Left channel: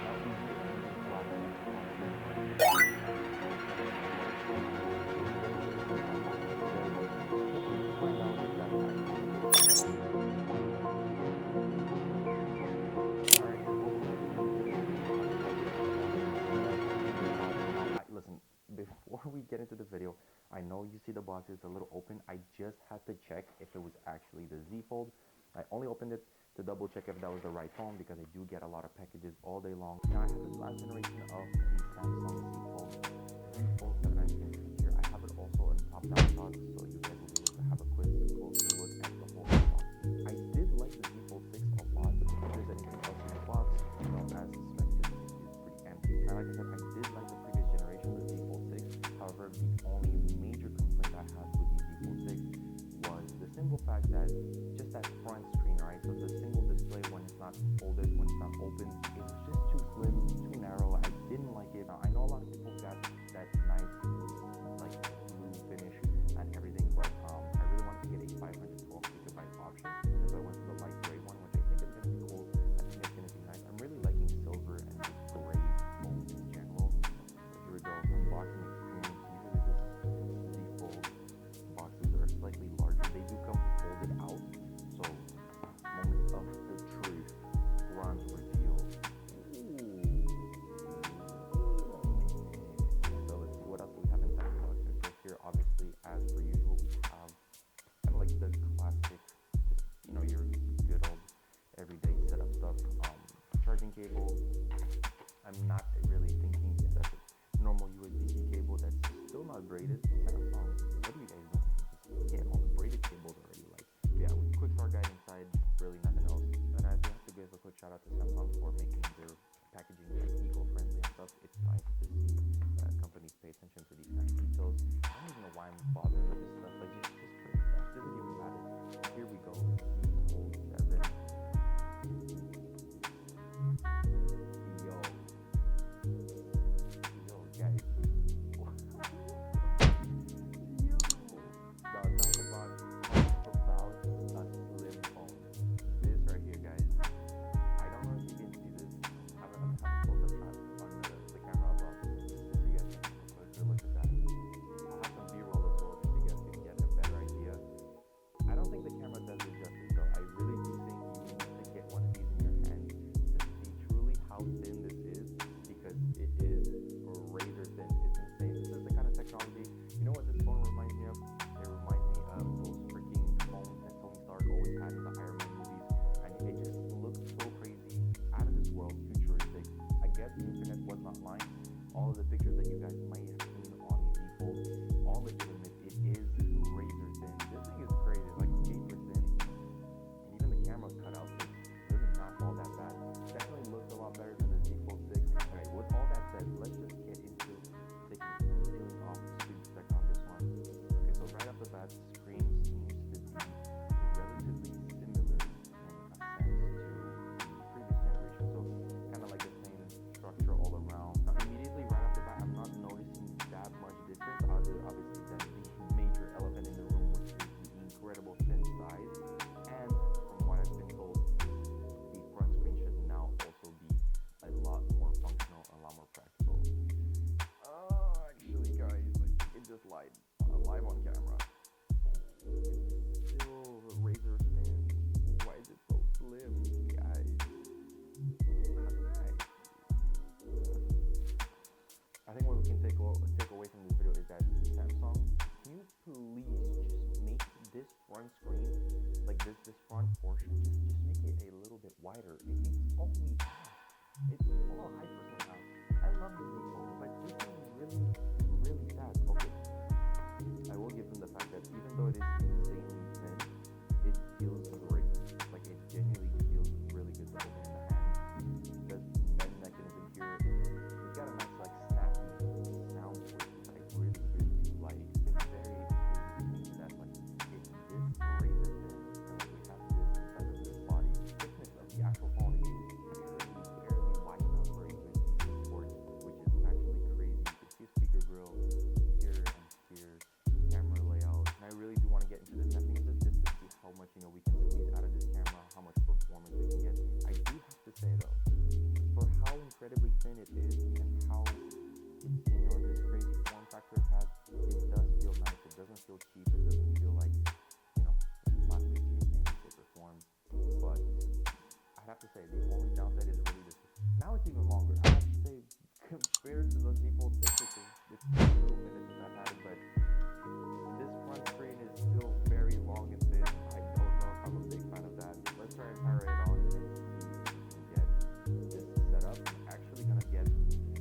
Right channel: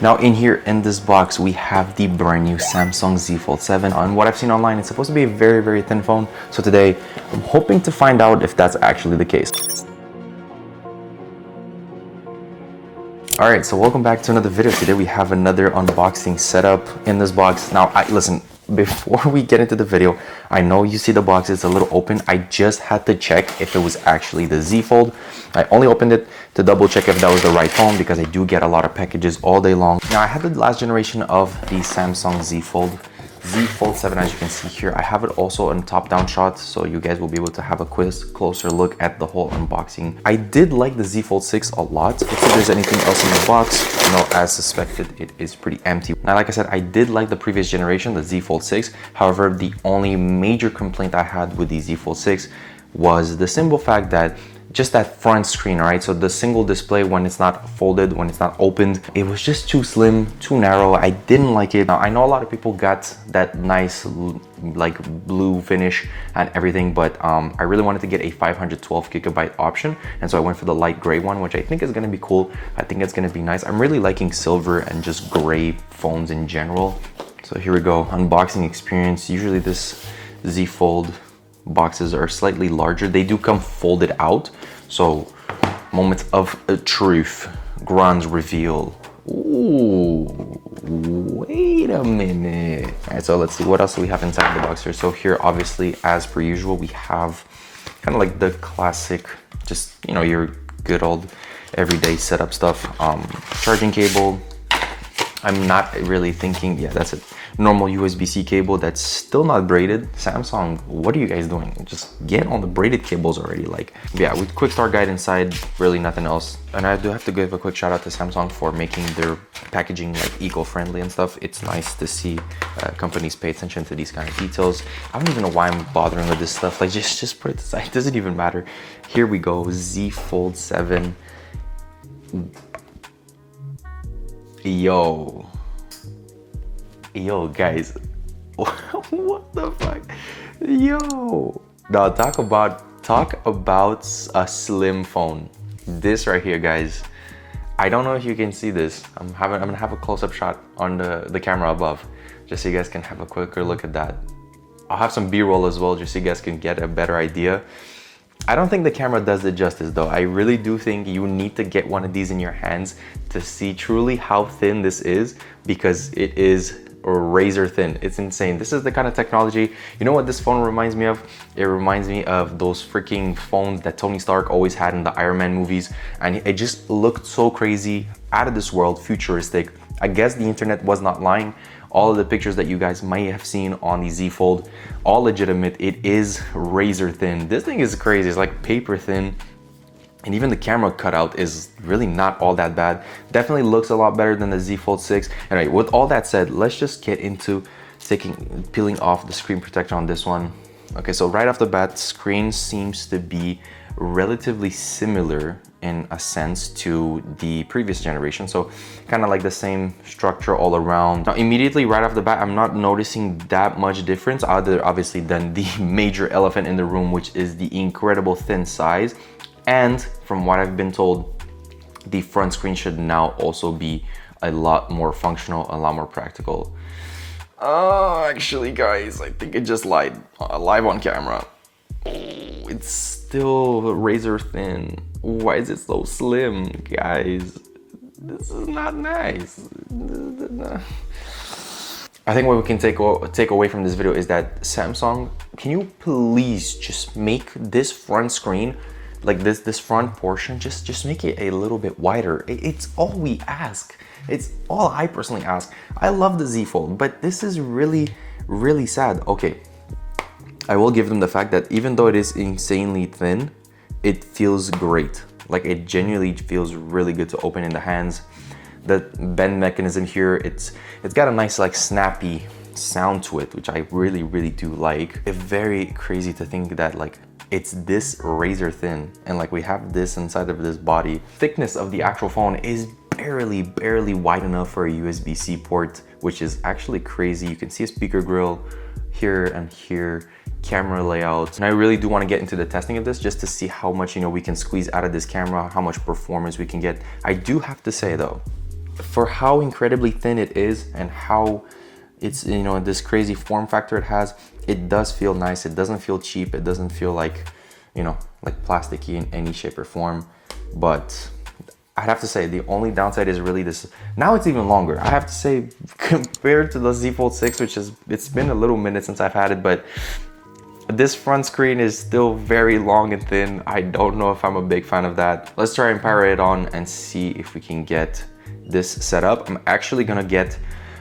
Now in here in this box, we have the brand new Samsung Z Fold 7. On what I've seen online, it's supposed to be a very, very thin phone. So today, I'm hoping to find out if that's actually the case. All right, so welcome back to another video. Today we have another unboxing setup in this box. Now, listen, before we get into the video, I know you see the box, it's a little open. I just had to check if it was actually the Z Fold. I only opened it to double check if that was the right phone because I do get a lot of packages all day long. Now, I had the last generation of the Samsung Z Fold 7, as you can see here. I have it also in top-down shot, so you guys will be able to have a closer look at the whole unboxing. I did like the Z Fold 6 a lot. Let's see if there's anything else in the box. No, as suspected, it is pretty empty. Now, like I said, I did like the previous generation, the Z Fold 6. However, the only major complaint I had with the Z Fold 6 was the simple fact that just that front screen, right? So the single display, when it's not folded, when it's not opened, it was just too slim, too narrow. I didn't like it. Now, I know a lot of people got that nice like blue finish and everything, but I really wanted to get a 512 gigabyte option. And so I went for the light gray one, which I think is gonna be cool. I think it's gonna be nice. I'm really liking silver and just gray phones in general. So here we go, unboxing experience. Usually this Z Fold boxes are slightly larger. They do come folded out. So moments of truth, Grand's reveal. Ooh, wait a minute. All right, so let's see what else do we have inside the box here. So here, obviously, as per usual, we have kind of like the classic, just, you know, your good old everyday setup stuff. Charging cable. I'm not really thinking, yeah, that's it. Normal USB-C cable that's still not braided. Samsung, what are you guys doing? Just get on the braided cables already. Like, yeah, with quick start guide inside, really nothing else. And I do have to give a quick shout out to Samsung for making their packaging like eco-friendly and stuff. It's nice to see companies pay attention to these kind of details. I don't even know why I'm bothering with this stuff. Like, just put it aside. It doesn't even matter. Here we go, Z Fold 7. Yo, guys, what the fuck? Yo, now talk about a slim phone. This right here, guys. I don't know if you can see this. I'm gonna have a close-up shot on the camera above, just so you guys can have a quicker look at that. I'll have some B-roll as well, just so you guys can get a better idea. I don't think the camera does it justice though. I really do think you need to get one of these in your hands to see truly how thin this is, because it is razor thin. It's insane. This is the kind of technology, you know what this phone reminds me of? It reminds me of those freaking phones that Tony Stark always had in the Iron Man movies, and it just looked so crazy, out of this world, futuristic. I guess the internet was not lying. All of the pictures that you guys might have seen on the Z Fold, all legitimate. It is razor thin. This thing is crazy. It's like paper thin. And even the camera cutout is really not all that bad. Definitely looks a lot better than the Z Fold 6. Anyway, with all that said, let's just get into peeling off the screen protector on this one. Okay, so right off the bat, screen seems to be relatively similar in a sense to the previous generation. So kind of like the same structure all around. Now, immediately right off the bat, I'm not noticing that much difference other obviously than the major elephant in the room, which is the incredible thin size. And from what I've been told, the front screen should now also be a lot more functional, a lot more practical. Actually guys, I think it just lied live on camera. It's still razor thin. Why is it so slim, guys? This is not nice. I think what we can take away from this video is that Samsung, can you please just make this front screen, like this front portion, just make it a little bit wider. It's all we ask. It's all I personally ask. I love the Z Fold, but this is really, really sad. Okay, I will give them the fact that even though it is insanely thin, it feels great. Like, it genuinely feels really good to open in the hands. The bend mechanism here, it's got a nice like snappy sound to it, which I really, really do like. It's very crazy to think that like it's this razor thin and like we have this inside of this body. Thickness of the actual phone is barely wide enough for a USB-C port, which is actually crazy. You can see a speaker grill here and here, camera layout. And I really do want to get into the testing of this just to see how much, we can squeeze out of this camera, how much performance we can get. I do have to say though, for how incredibly thin it is and how it's, you know, this crazy form factor it has, it does feel nice. It doesn't feel cheap. It doesn't feel like, you know, like plasticky in any shape or form. But I'd have to say the only downside is really this. Now it's even longer. I have to say, compared to the Z Fold 6, which is, it's been a little minute since I've had it, but this front screen is still very long and thin. I don't know if I'm a big fan of that. Let's try and power it on and see if we can get this set up. I'm actually gonna get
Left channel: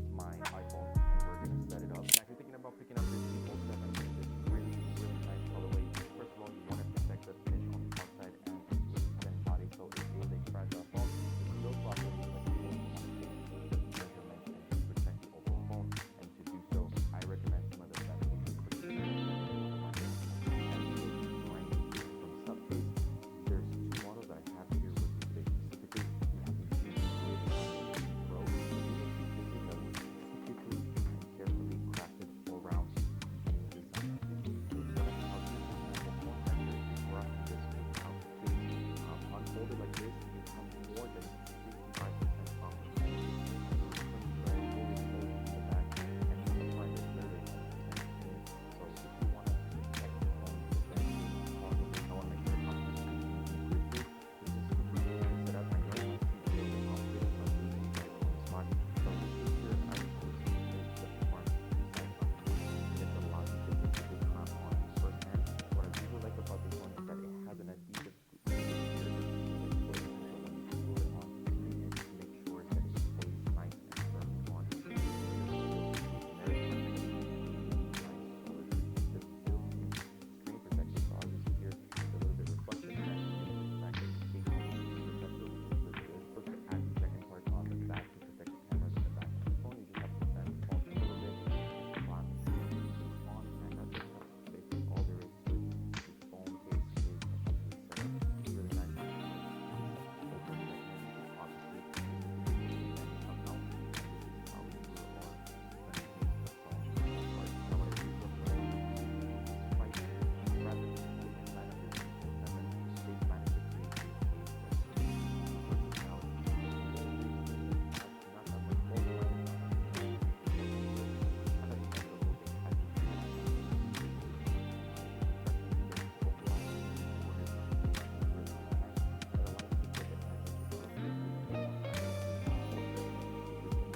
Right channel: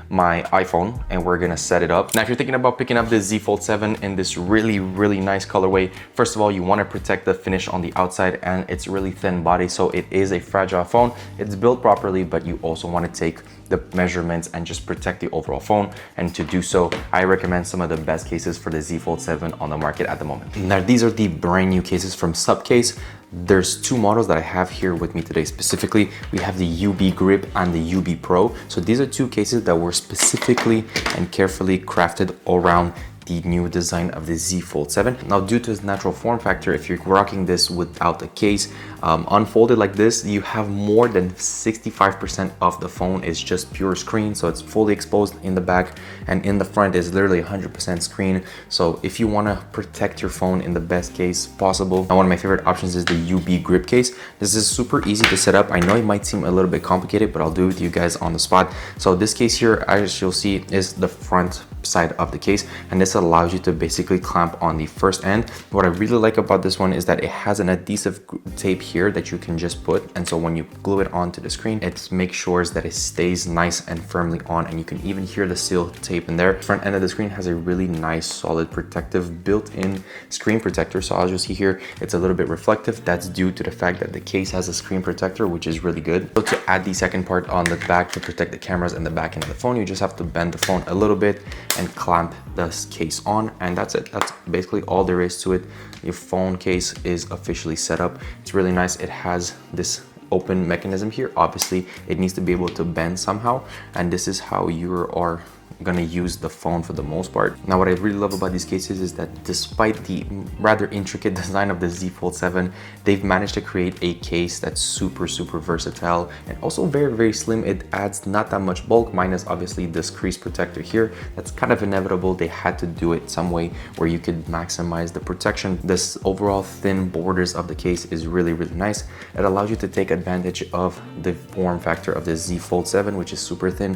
my iPhone and we're gonna set it up. Now, if you're thinking about picking up the Z Fold 7 in this really nice colorway, first of all, you wanna protect the finish on the outside, and it's really thin body, so it is a fragile phone. It's built properly, but you also wanna take the measurements and just protect the overall phone. And to do so, I recommend some of the best cases for the Z Fold 7 on the market at the moment. Now, these are the brand new cases from Supcase. There's two models that I have here with me today. Specifically, we have the UBGrip and the UBPro. So these are two cases that were specifically and carefully crafted around the new design of the Z Fold 7. Now, due to its natural form factor, if you're rocking this without the case, unfolded like this, you have more than 65% of the phone is just pure screen. So it's fully exposed in the back, and in the front is literally 100% screen. So if you wanna protect your phone in the best case possible, one of my favorite options is the UBGrip case. This is super easy to set up. I know it might seem a little bit complicated, but I'll do it with you guys on the spot. So this case here, as you'll see, is the front side of the case, and this allows you to basically clamp on the first end. What I really like about this one is that it has an adhesive tape here that you can just put, and so when you glue it onto the screen, it makes sure that it stays nice and firmly on, and you can even hear the seal tape in there. Front end of the screen has a really nice, solid, protective built-in screen protector. So as you see here, it's a little bit reflective. That's due to the fact that the case has a screen protector, which is really good. So to add the second part on the back to protect the cameras and the back end of the phone, you just have to bend the phone a little bit and clamp this case on, and that's it. That's basically all there is to it. Your phone case is officially set up. It's really nice. It has this open mechanism here. Obviously, it needs to be able to bend somehow, and this is how you are gonna use the phone for the most part. Now, what I really love about these cases is that despite the rather intricate design of the Z Fold 7, they've managed to create a case that's super versatile and also very slim. It adds not that much bulk, minus obviously this crease protector here. That's kind of inevitable. They had to do it some way where you could maximize the protection. This overall thin borders of the case is really nice. It allows you to take advantage of the form factor of the Z Fold 7, which is super thin,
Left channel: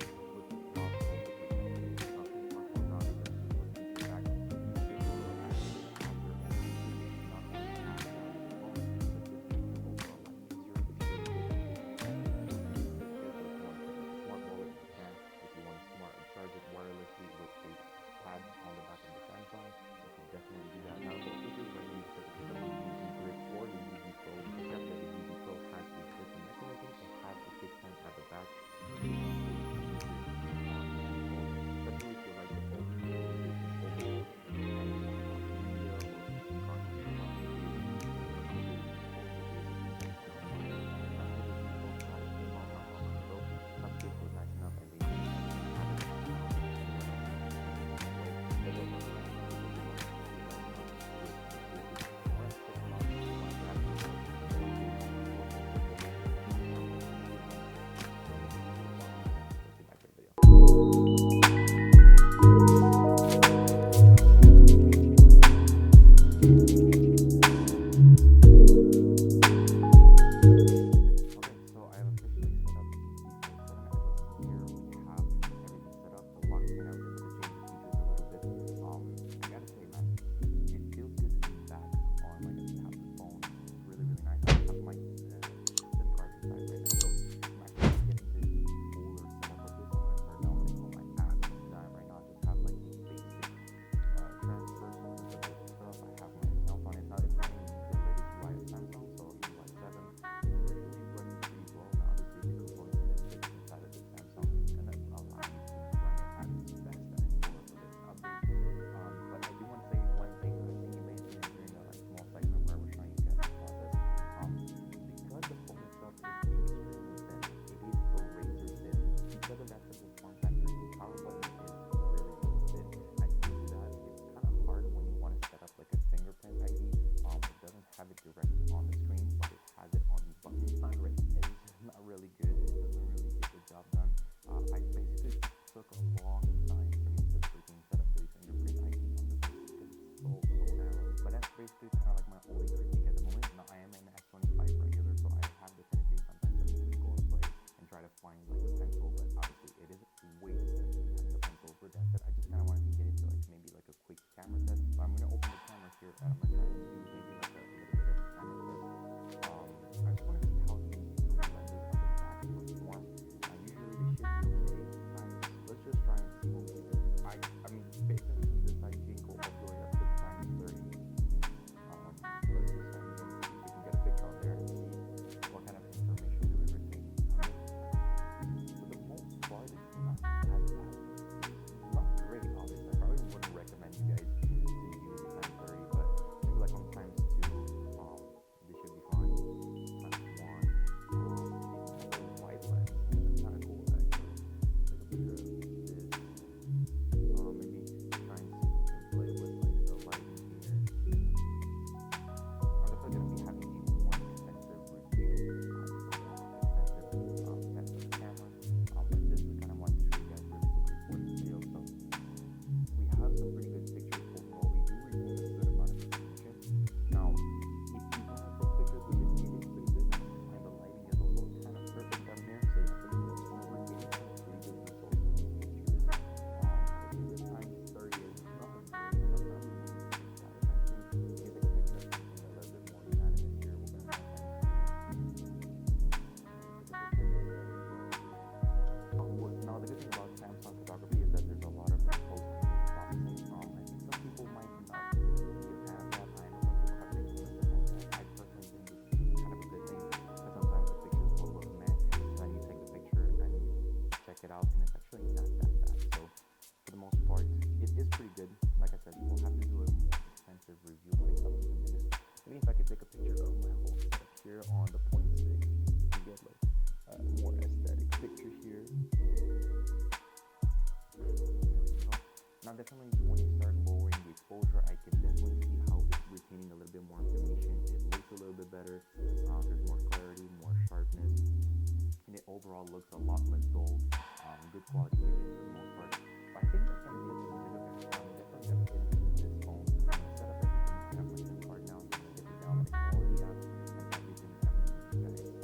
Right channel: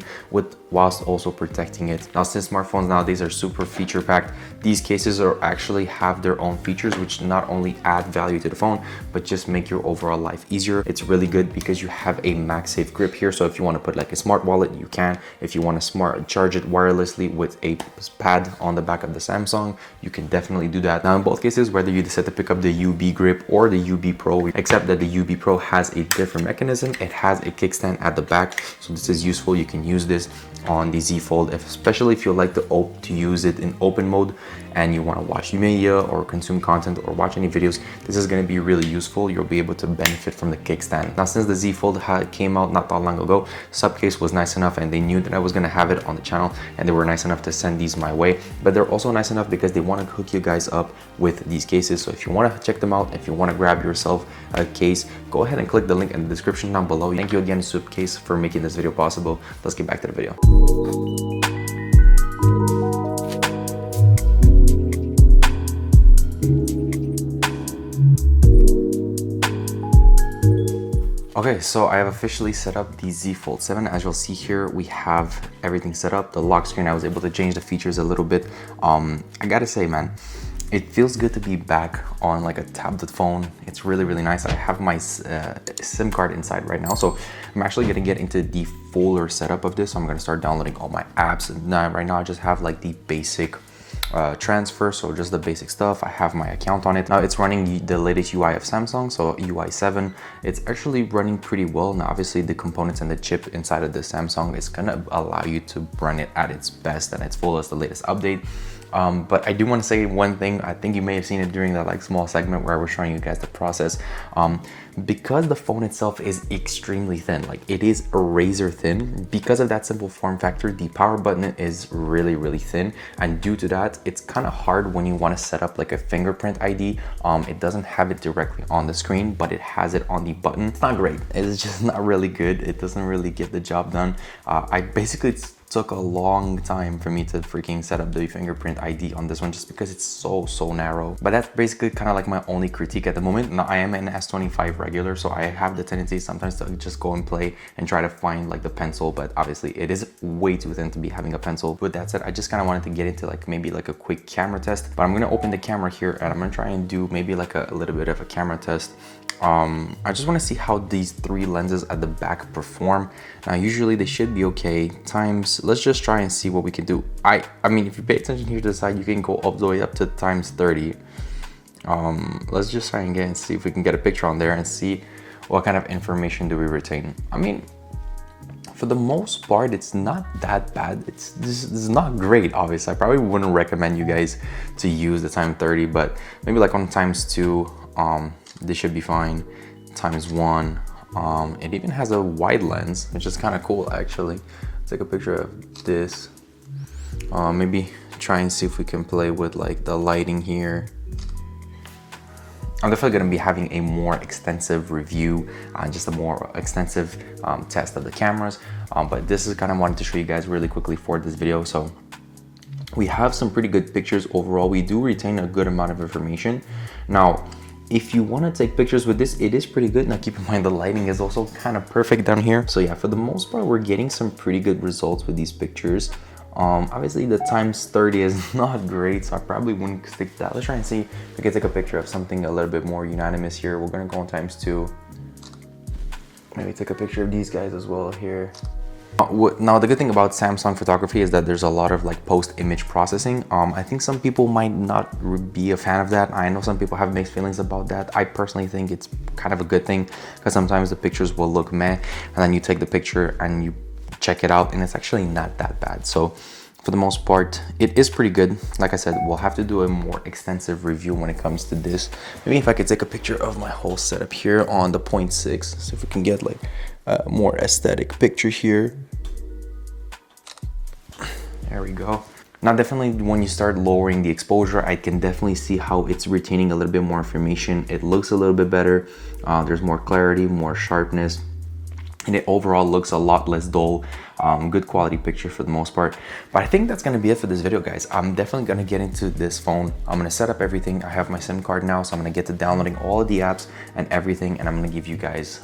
whilst also protecting it. Now, since smartphones nowadays are super feature packed, these cases are actually have their own features which not only add value to the phone, but just make your overall life easier. It's really good because you have a MagSafe grip here. So if you want to put like a smart wallet, you can. If you want to smart charge it wirelessly with a pad on the back of the Samsung, you can definitely do that. Now, in both cases, whether you decide to pick up the UBGrip or the UBPro, except that the UBPro has a different mechanism. It has a kickstand at the back, so this is useful. You can use this on the Z Fold, especially if you like to use it in open mode and you want to watch media or consume content or watch any videos. This is going to be really useful. You'll be able to benefit from the kickstand. Now, since the Z Fold came out not that long ago, Supcase was nice enough, and they knew that I was going to have it on the channel, and they were nice enough to send these my way. But they're also nice enough because they want to hook you guys up with these cases. So if you want to check them out, if you want to grab yourself a case, go ahead and click the link in the description down below. Thank you again, Supcase, for making this video possible. Let's get back to the video. Okay, so I have officially set up the Z Fold 7. As you'll see here, we have everything set up. The lock screen, I was able to change the features a little bit. I gotta say, man, it feels good to be back on like a tablet phone. It's really nice. I have my SIM card inside right now, so I'm actually gonna get into the fuller setup of this. So I'm gonna start downloading all my apps. And right now I just have like the basic transfer, so just the basic stuff. I have my account on it. Now it's running the latest UI of Samsung, so UI 7. It's actually running pretty well. Now obviously the components and the chip inside of the Samsung is gonna allow you to run it at its best and its fullest, the latest update. But I do want to say one thing. I think you may have seen it during that like small segment where I was showing you guys the process. Because the phone itself is extremely thin, like it is razor thin, because of that simple form factor, the power button is really, really thin. And due to that, it's kind of hard when you want to set up like a fingerprint ID. It doesn't have it directly on the screen, but it has it on the button. It's not great. It's just not really good. It doesn't really get the job done. I basically took a long time for me to freaking set up the fingerprint ID on this one, just because it's so narrow. But that's basically kind of like my only critique at the moment. Now I am an S25 regular, so I have the tendency sometimes to just go and play and try to find like the pencil, but obviously it is way too thin to be having a pencil. With that said, I just kind of wanted to get into like maybe like a quick camera test, but I'm gonna open the camera here and I'm gonna try and do maybe like a little bit of a camera test. I just want to see how these 3 lenses at the back perform. Now usually they should be okay. Times, let's just try and see what we can do. I mean, if you pay attention here to the side, you can go all the way up to times 30. Let's just try and get and see if we can get a picture on there and see what kind of information do we retain. I mean, for the most part, it's not that bad. This is not great, obviously. I probably wouldn't recommend you guys to use the time 30, but maybe like on times 2, this should be fine. Times 1, it even has a wide lens, which is kind of cool actually. Take a picture of this. Maybe try and see if we can play with like the lighting here. I'm definitely going to be having a more extensive review, just a more extensive test of the cameras. But this is kind of wanted to show you guys really quickly for this video. So we have some pretty good pictures overall. We do retain a good amount of information. Now, if you want to take pictures with this, it is pretty good. Now keep in mind the lighting is also kind of perfect down here. So yeah, for the most part, we're getting some pretty good results with these pictures. Obviously the times 30 is not great, so I probably wouldn't stick to that. Let's try and see if we can take a picture of something a little bit more unanimous here. We're gonna go on times 2. Maybe take a picture of these guys as well here. Now the good thing about Samsung photography is that there's a lot of like post-image processing. I think some people might not be a fan of that. I know some people have mixed feelings about that. I personally think it's kind of a good thing, because sometimes the pictures will look meh, and then you take the picture and you check it out and it's actually not that bad. So for the most part, it is pretty good. Like I said, we'll have to do a more extensive review when it comes to this. Maybe if I could take a picture of my whole setup here on the 0.6, see if we can get like a more aesthetic picture here. There we go. Now definitely when you start lowering the exposure, I can definitely see how it's retaining a little bit more information. It looks a little bit better. There's more clarity, more sharpness, and it overall looks a lot less dull. Good quality picture for the most part. But I think that's gonna be it for this video, guys. I'm definitely gonna get into this phone. I'm gonna set up everything. I have my SIM card now, so I'm gonna get to downloading all of the apps and everything, and I'm gonna give you guys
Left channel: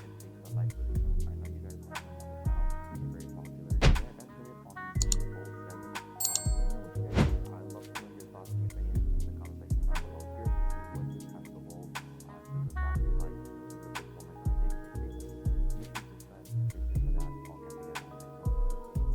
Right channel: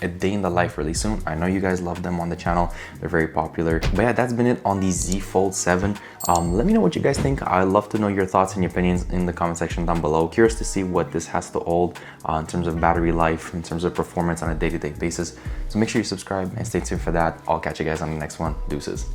a day in the life really soon. I know you guys love them on the channel. They're very popular. But yeah, that's been it on the Z Fold 7. Let me know what you guys think. I'd love to know your thoughts and your opinions in the comment section down below. Curious to see what this has to hold in terms of battery life, in terms of performance on a day-to-day basis. So make sure you subscribe and stay tuned for that. I'll catch you guys on the next one. Deuces.